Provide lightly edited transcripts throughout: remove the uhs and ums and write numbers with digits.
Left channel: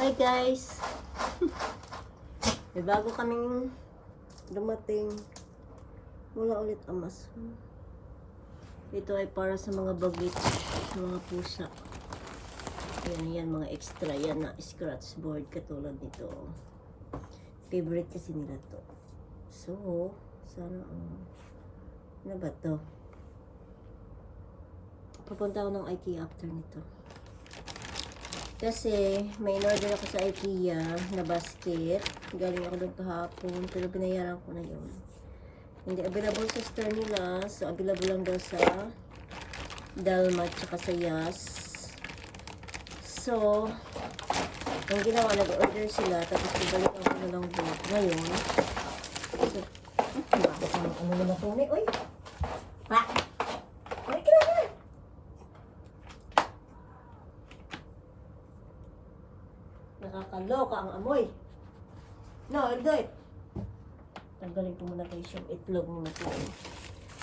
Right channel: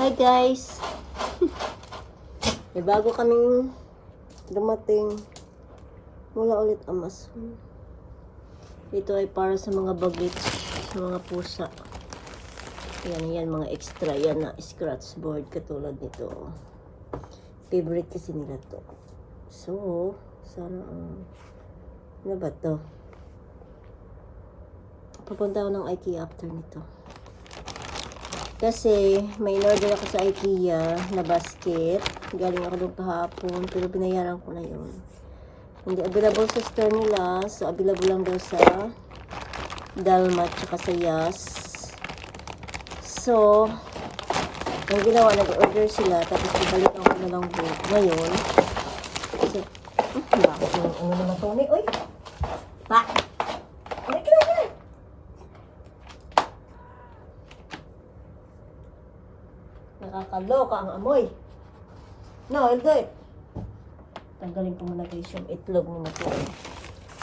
Hi guys! May bago kaming dumating mula ulit Amazon. Ito ay para sa mga bagets, sa mga pusa. Yan, mga extra yan na scratch board katulad nito. Favorite kasi nila to. So, sana ano ba to? Pupunta ako ng IKEA after nito. Kasi may order ako sa IKEA na basket. Galing ako doon kahapon, pero binayaran ko na yun. Hindi available sa store nila, so available lang daw sa Dalma tsaka sa Yas. So, ang ginawa, nag-order sila, tapos ibalikan ko na lang doon. Ngayon, kasi, bakit yung ano naman ito? Uy! Pa! Kaya! Nakakaloka ang amoy. No, Eldoy. Tanggalin ko muna guys yung itlog ni Matuloy.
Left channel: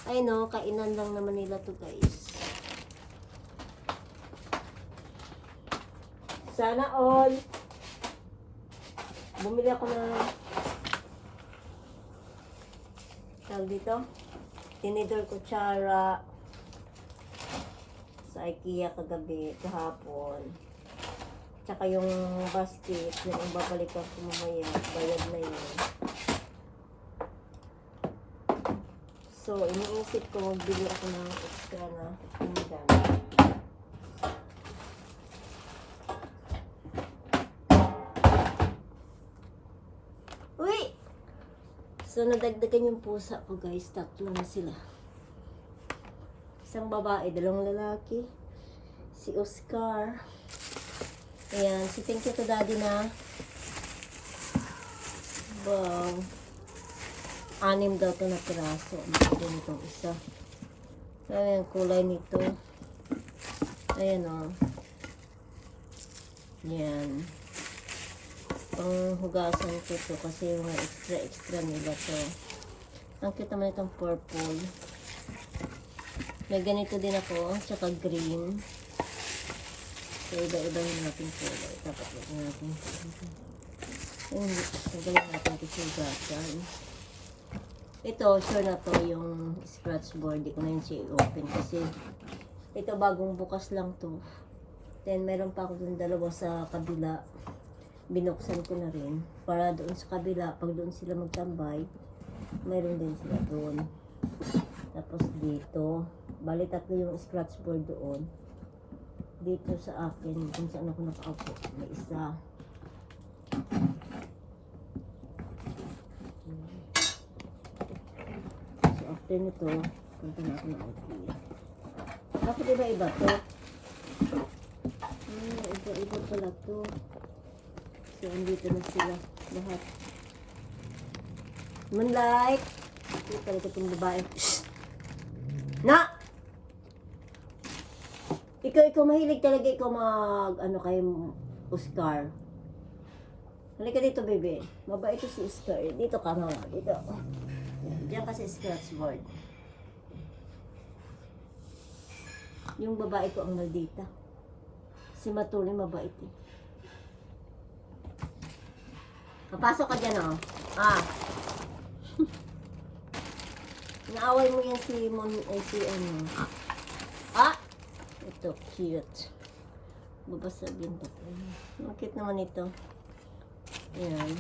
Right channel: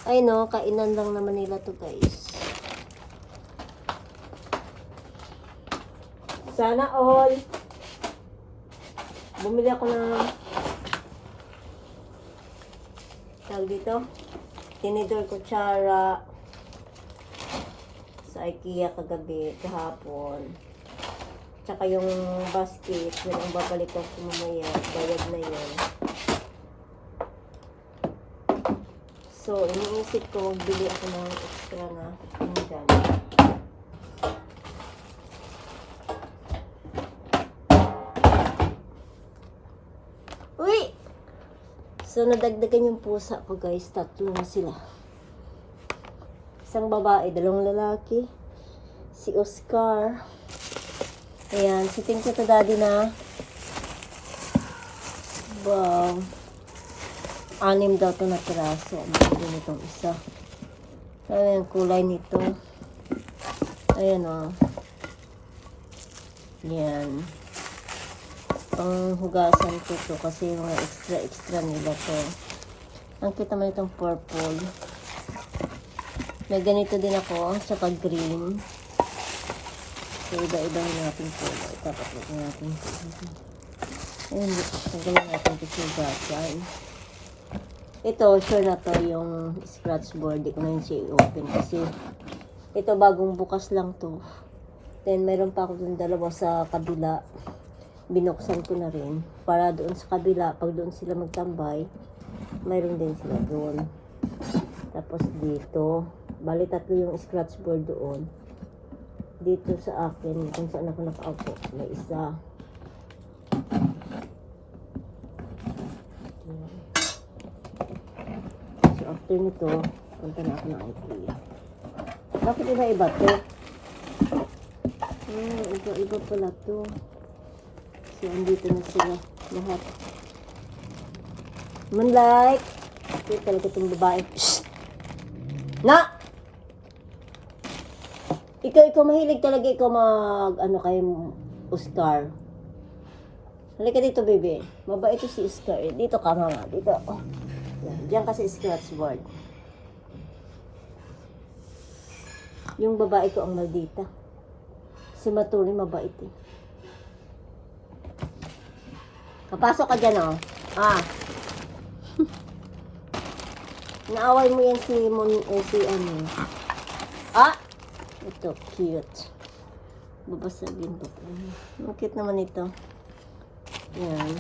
Ay no, kainan lang naman nila to guys. Sana all. Bumili ako ng tawag dito. Tinidor kutsara sa IKEA kagabi, kahapon. Tsaka yung basket, yun ang babalik ko mamaya, bayad na yun. So, iniisip ko, magbili ako ng extra na pinggan. Uy! So, nadagdagan yung pusa ko guys, 3 na sila. Isang babae, 2 lalaki. Si Oscar. Ayan, so thank you to daddy na. Wow. 6 daw ito na piraso. Maganda nitong isa. Ayan, kulay nito. Ayan o. Ayan. Panghugasan ko to kasi mga extra nila to. Ang kita mo itong purple. May ganito din ako, saka green. So, iba-iba yung ating kulay. Dapat huwag natin ito. Ayun, tanggalin natin ito sa gatan. Ito, sure na to yung scratch board. Di ko na yun siya i-open kasi ito bagong bukas lang to. Then, meron pa ako dun 2 sa kabila. Binuksan ko na rin. Para doon sa kabila, pag doon sila magtambay, mayroon din sila doon. Tapos dito, bali 3 yung scratch board doon. Dito sa akin, kung saan ako nakaupo, may isa. So, after nito, punta na ako ng IKEA. Bakit iba-iba to? Iba pala to. So, andito na sila lahat. Moonlight! Ito talaga itong babae. Shhh! Na! Ikaw mahilig talaga ikaw ano kay Oscar. Halika dito, baby. Mabait ito si Oscar. Dito ka, mama. Dito. Yan. Diyan kasi scratch board. Yung babae ko ang maldita. Si Matuli mabait eh. Papasok ka dyan, oh. Naaway mo yan si ano. Ito, cute. Babasagin ba ito? Ang cute naman ito. Yan.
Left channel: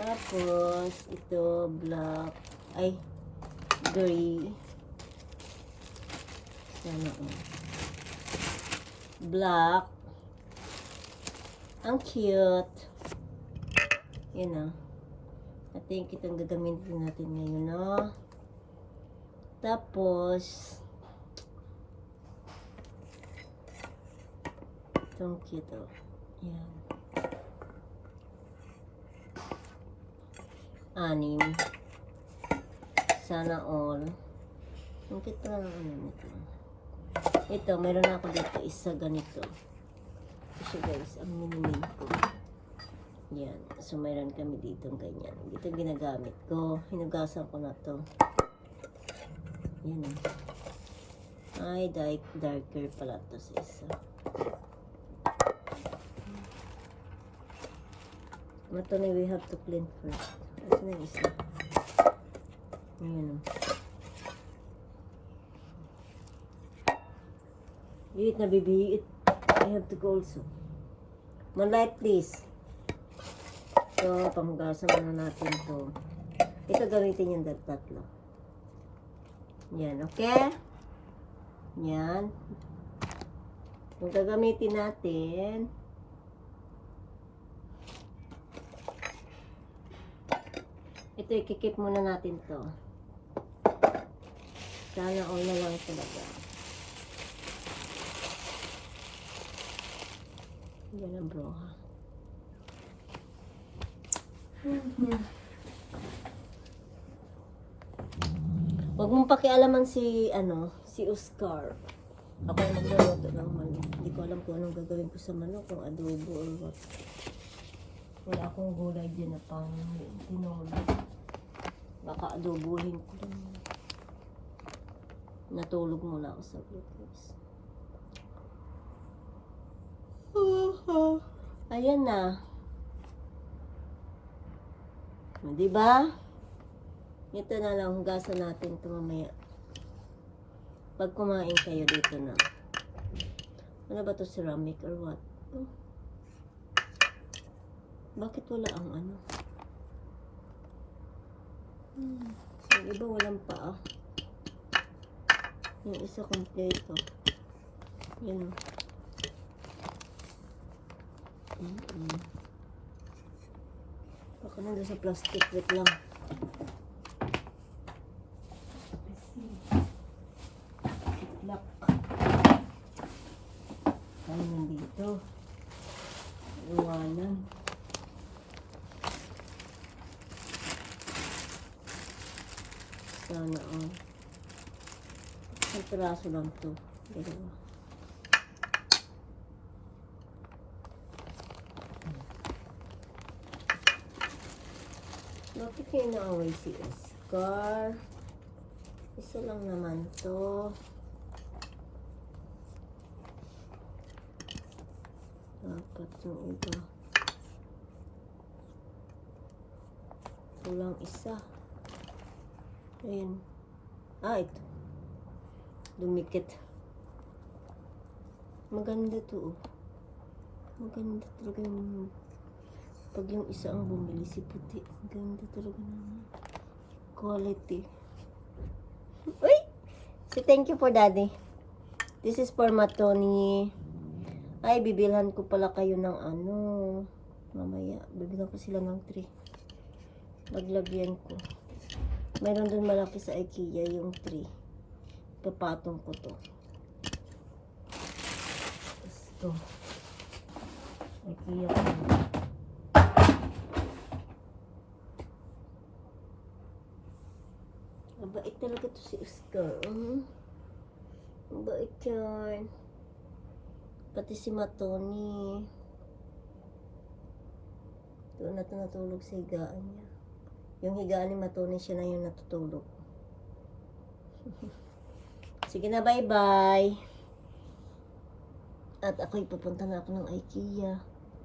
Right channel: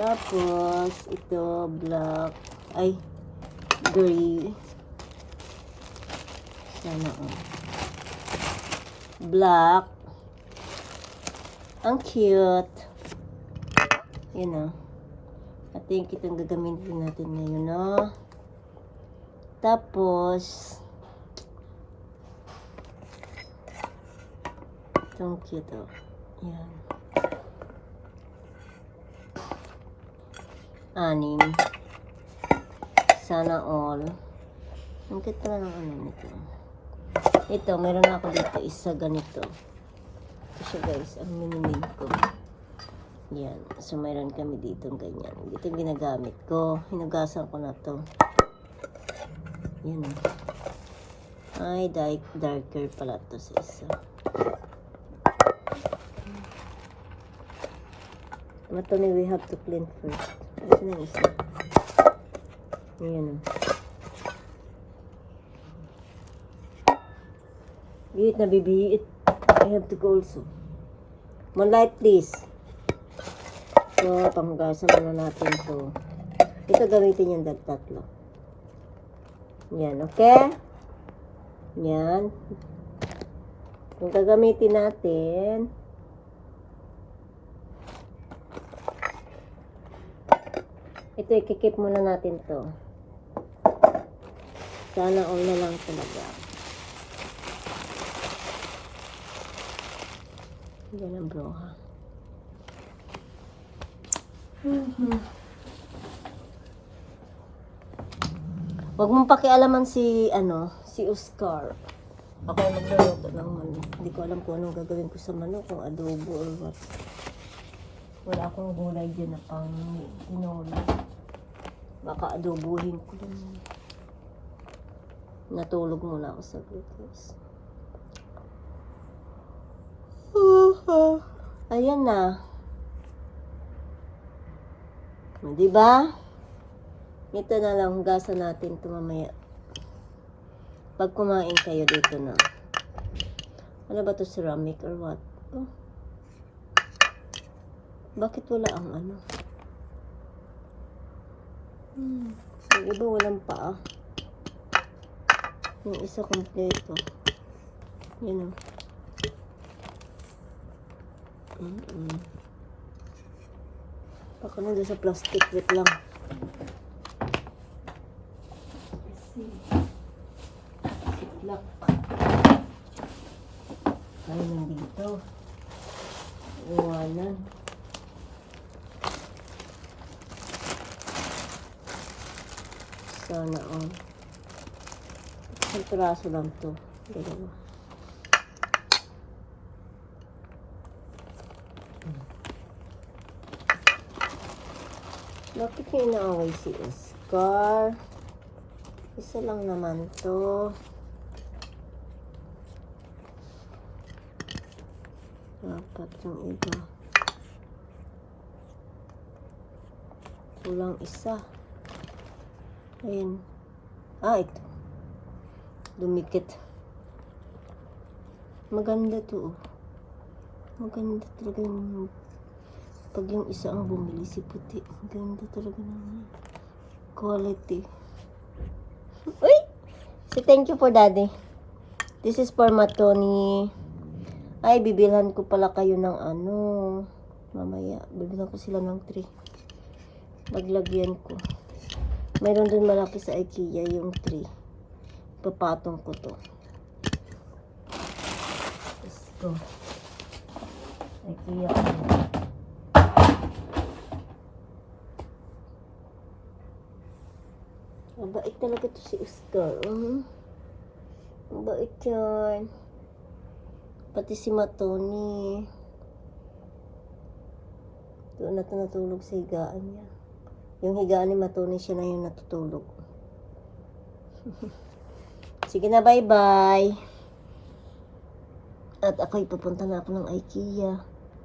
Tapos, ito, black. Ay, gray. Sana, black. Ang cute. Yan, I think itong gagamitin natin ngayon, no? Tapos, itong cute, oh. Yan. 6. Sana all. Ang cute na ng ano nito. Ito, meron ako dito isa ganito. Ito siya guys, ang mini-mini ko. Yan. So, mayroon kami dito ganyan. Dito yung ginagamit ko. Hinugasan ko na to. Yan, oh. Ay, darker pala to sa isa. Matoni, we have to clean first. Kasi na isa. Ayan. Biit na bibiit. I have to go also. More light please. So, panghugasan muna natin to. Ito gamitin yung tatlo. Yan, okay? Yan. Kung gagamitin natin, ito ikikip muna natin to. Sana all na lang talaga. Yan ang broha. Huwag mong pakialaman si Oscar. Ako ay magluluto ng manok. Hindi ko alam kung anong gagawin ko sa manok, kung adobo or what. Wala akong gulay dyan na pang tinola. Baka adobohin ko lang. Natulog muna ako sa glucose. Ayan na. Diba? Ito na lang, hugasan natin ito mamaya. Pag kumain kayo dito na. Ano ba to, ceramic or what? Oh. Bakit wala ang ano? Yung iba walang paa. Yung isa kompleto. Yan. Baka nandun sa plastic. Wait lang. Lock. Ay, nandito. Iwanan. Sana all. Isang piraso lang to. Dalawa. Bakit niya inaaway si Oscar? Isa lang naman to. Dapat yung iba. Kulang isa. Ayun. Ito. Dumikit. Maganda to. Maganda talaga yung pag yung isa ang bumili si puti. Maganda talaga naman. Quality. Uy! Say thank you for daddy. This is for Matoni. Ay, bibilhan ko pala kayo ng ano. Mamaya, bibilhan ko sila ng 3. Maglagyan ko. Mayroon dun malaki sa IKEA yung 3. Papatong ko to. Let's go. IKEA ko. Mabait talaga to si Oscar. Mabait yan. Pati si Matoni. Doon na ito natulog sa higaan niya. Yung higaan ni Matoni, siya na yung natutulog. Sige na, bye-bye. At ako'y pupunta na ako ng IKEA.